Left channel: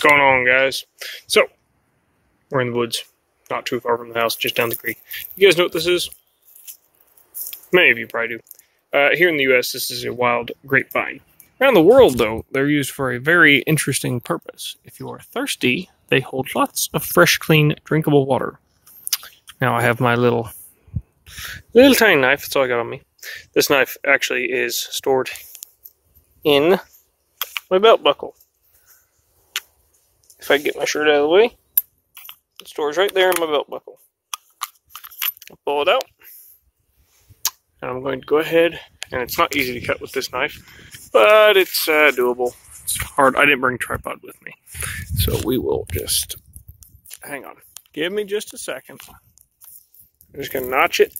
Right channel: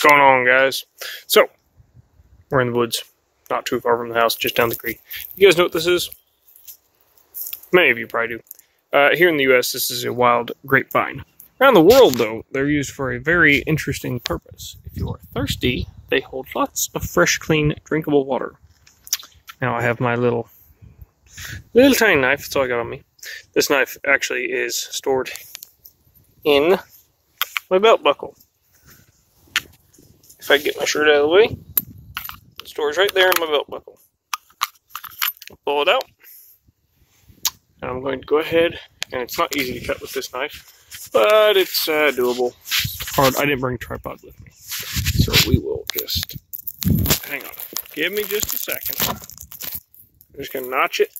What's going on, guys? So, we're in the woods, not too far from the house, just down the creek. You guys know what this is? Many of you probably do. Here in the U.S., this is a wild grapevine. Around the world, though, they're used for a very interesting purpose. If you are thirsty, they hold lots of fresh, clean, drinkable water. Now, I have my little tiny knife. That's all I got on me. This knife actually is stored in my belt buckle. If I get my shirt out of the way, it stores right there in my belt buckle. I'll pull it out, and I'm going to go ahead, and it's not easy to cut with this knife, but it's doable. It's hard. I didn't bring a tripod with me, so we will just, hang on. Give me just a second. I'm just going to notch it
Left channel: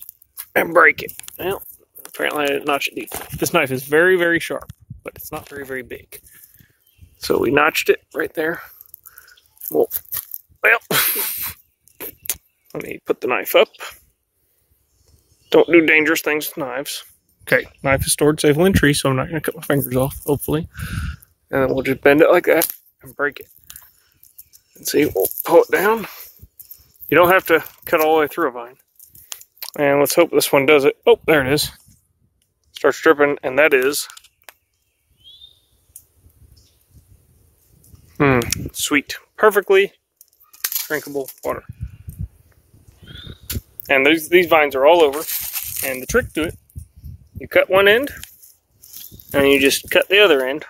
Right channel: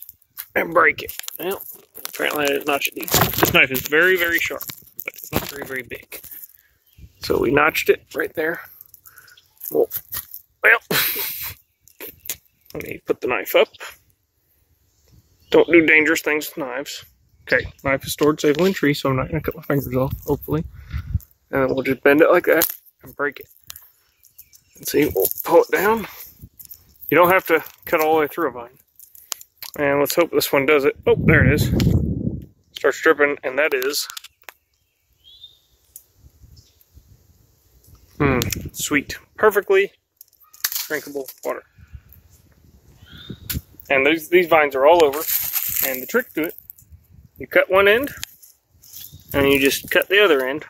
and break it. Well, apparently I didn't notch it deep. This knife is very, very sharp, but it's not very, very big. So we notched it right there. Well, let me put the knife up. Don't do dangerous things with knives. Okay, knife is stored safely in tree, so I'm not going to cut my fingers off, hopefully. And then we'll just bend it like that and break it. And see, we'll pull it down. You don't have to cut all the way through a vine. And let's hope this one does it. Oh, there it is. Starts dripping, and that is sweet, perfectly drinkable water. And these vines are all over. And the trick to it, you cut one end, and you just cut the other end.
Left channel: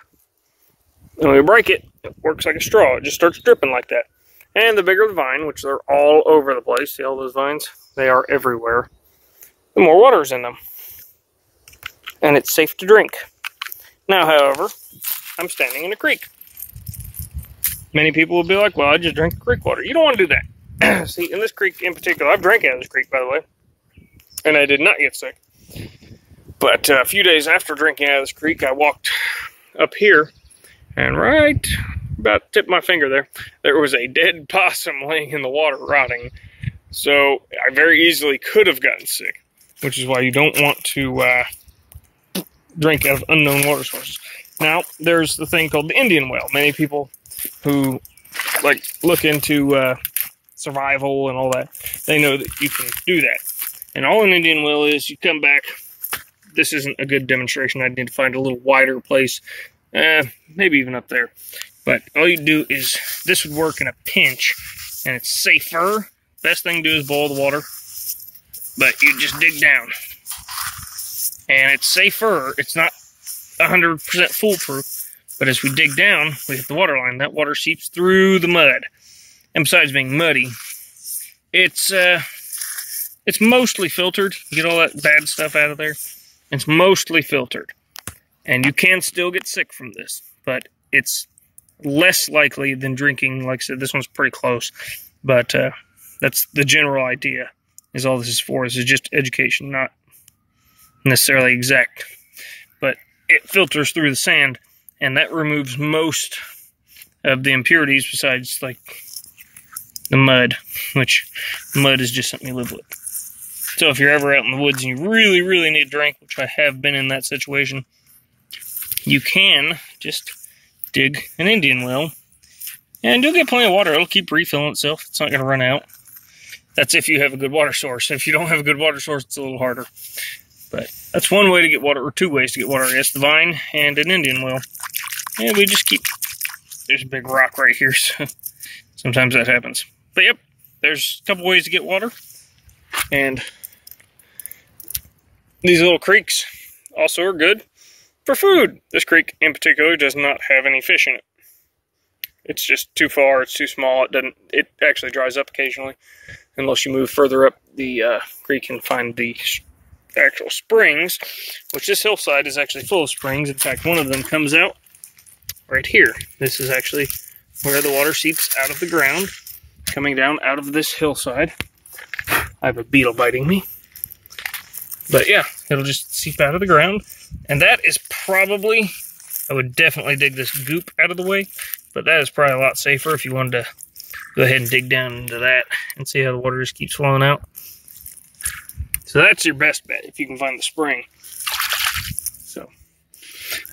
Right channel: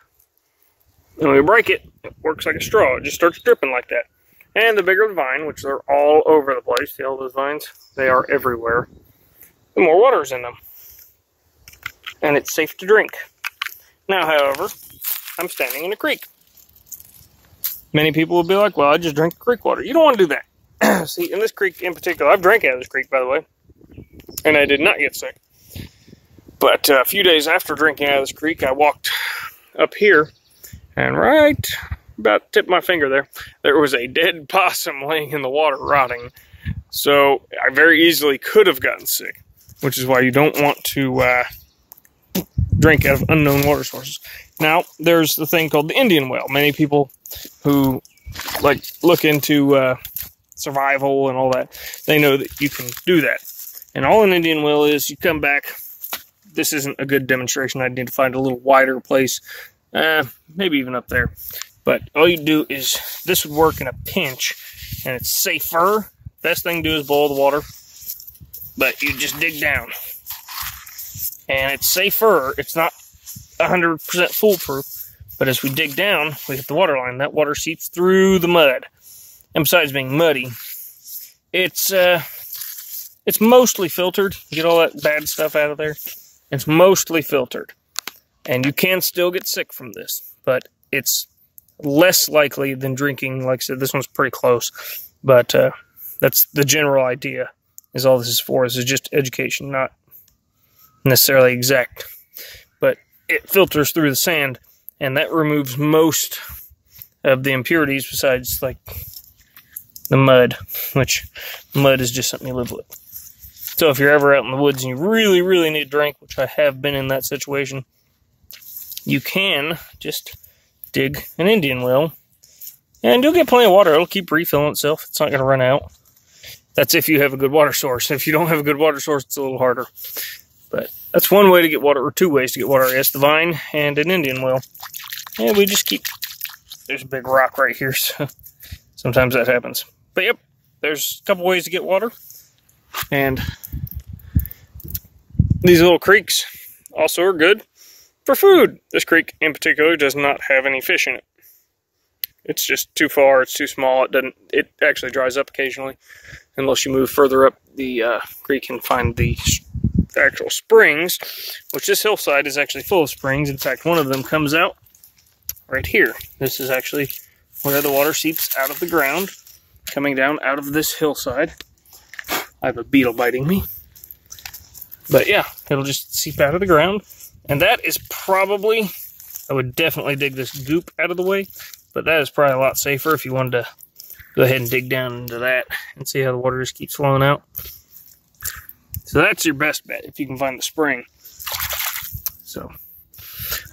And when you break it, it works like a straw. It just starts dripping like that. And the bigger the vine, which they're all over the place, see all those vines? They are everywhere. The more water's in them. And it's safe to drink. Now, however, I'm standing in a creek. Many people will be like, well, I just drink creek water. You don't want to do that. See, in this creek in particular, I've drank out of this creek, by the way, and I did not get sick. But a few days after drinking out of this creek, I walked up here, and right about the tip of my finger there was a dead possum laying in the water rotting. So I very easily could have gotten sick, which is why you don't want to drink out of unknown water sources. Now, there's the thing called the Indian well. Many people who look into survival and all that, they know that you can do that. And all an Indian well is, you come back. This isn't a good demonstration. I need to find a little wider place, maybe even up there. But all you do is, this would work in a pinch, and it's safer. Best thing to do is boil the water, but you just dig down. And it's safer. It's not 100% foolproof, but as we dig down, we hit the water line. That water seeps through the mud. And besides being muddy, it's mostly filtered. You get all that bad stuff out of there. It's mostly filtered. And you can still get sick from this, but it's less likely than drinking. Like I said, this one's pretty close, but that's the general idea, is all this is for. This is just education, not necessarily exact. But it filters through the sand, and that removes most of the impurities besides, like, the mud, which mud is just something you live with. So if you're ever out in the woods and you really, really need a drink, which I have been in that situation, you can just dig an Indian well, and you'll get plenty of water. It'll keep refilling itself. It's not going to run out. That's if you have a good water source. If you don't have a good water source, it's a little harder. But that's one way to get water, or two ways to get water, I guess, the vine and an Indian well. And we just keep, there's a big rock right here, so sometimes that happens. But yep, there's a couple ways to get water. And these little creeks also are good for food. This creek in particular does not have any fish in it. It's just too far, it's too small. It actually dries up occasionally, unless you move further up the creek and find the actual springs, which this hillside is actually full of springs. In fact, one of them comes out right here. This is actually where the water seeps out of the ground, coming down out of this hillside. I have a beetle biting me. But yeah, it'll just seep out of the ground. And that is probably, I would definitely dig this goop out of the way, but that is probably a lot safer if you wanted to go ahead and dig down into that and see how the water just keeps flowing out. So that's your best bet if you can find the spring. So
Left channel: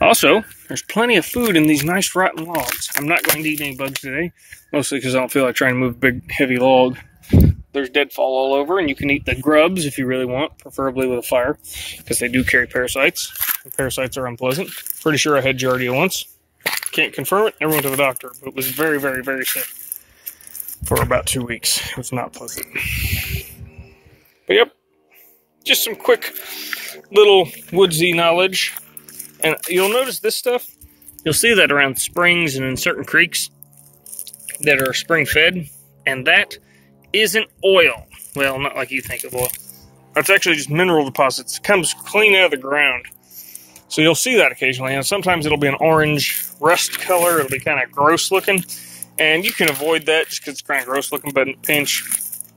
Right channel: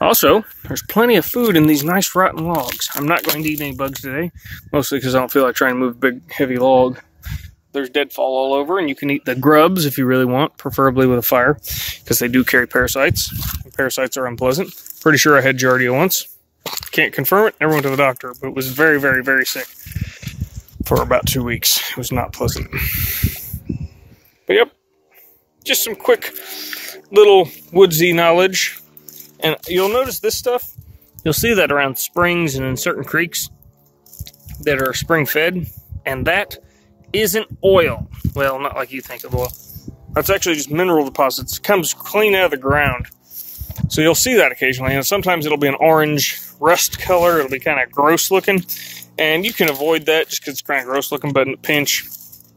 Also, there's plenty of food in these nice rotten logs. I'm not going to eat any bugs today, mostly because I don't feel like trying to move a big, heavy log. There's deadfall all over, and you can eat the grubs if you really want, preferably with a fire, because they do carry parasites. Parasites are unpleasant. Pretty sure I had Giardia once. Can't confirm it. Never went to the doctor, but it was very, very, very sick for about 2 weeks. It was not pleasant. But yep, just some quick little woodsy knowledge. And you'll notice this stuff, you'll see that around springs and in certain creeks that are spring fed, and that isn't oil. Well, not like you think of oil. That's actually just mineral deposits. It comes clean out of the ground. So you'll see that occasionally. And sometimes it'll be an orange rust color. It'll be kind of gross looking. And you can avoid that just because it's kind of gross looking, but in a pinch,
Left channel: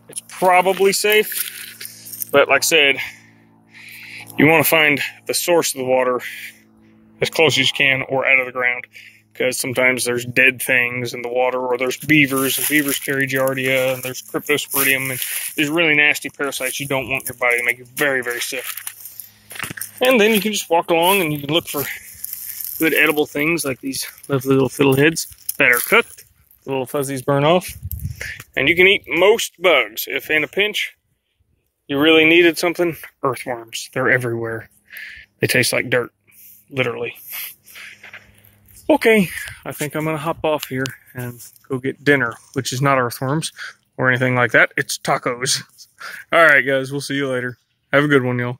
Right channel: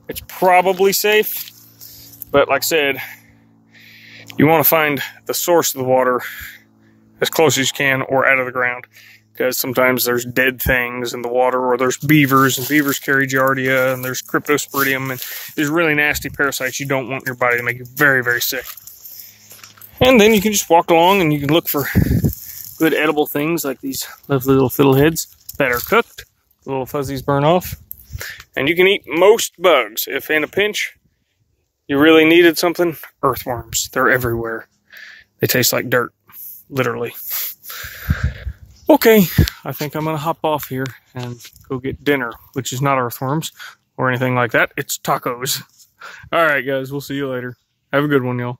it's probably safe. But like I said, you want to find the source of the water as close as you can or out of the ground. Because sometimes there's dead things in the water, or there's beavers, and beavers carry Giardia, and there's Cryptosporidium, and there's really nasty parasites you don't want in your body to make you very, very sick. And then you can just walk along and you can look for good edible things like these lovely little fiddleheads that are cooked. The little fuzzies burn off. And you can eat most bugs. If in a pinch you really needed something, earthworms. They're everywhere. They taste like dirt, literally. Okay, I think I'm going to hop off here and go get dinner, which is not earthworms or anything like that. It's tacos. All right, guys, we'll see you later. Have a good one, y'all.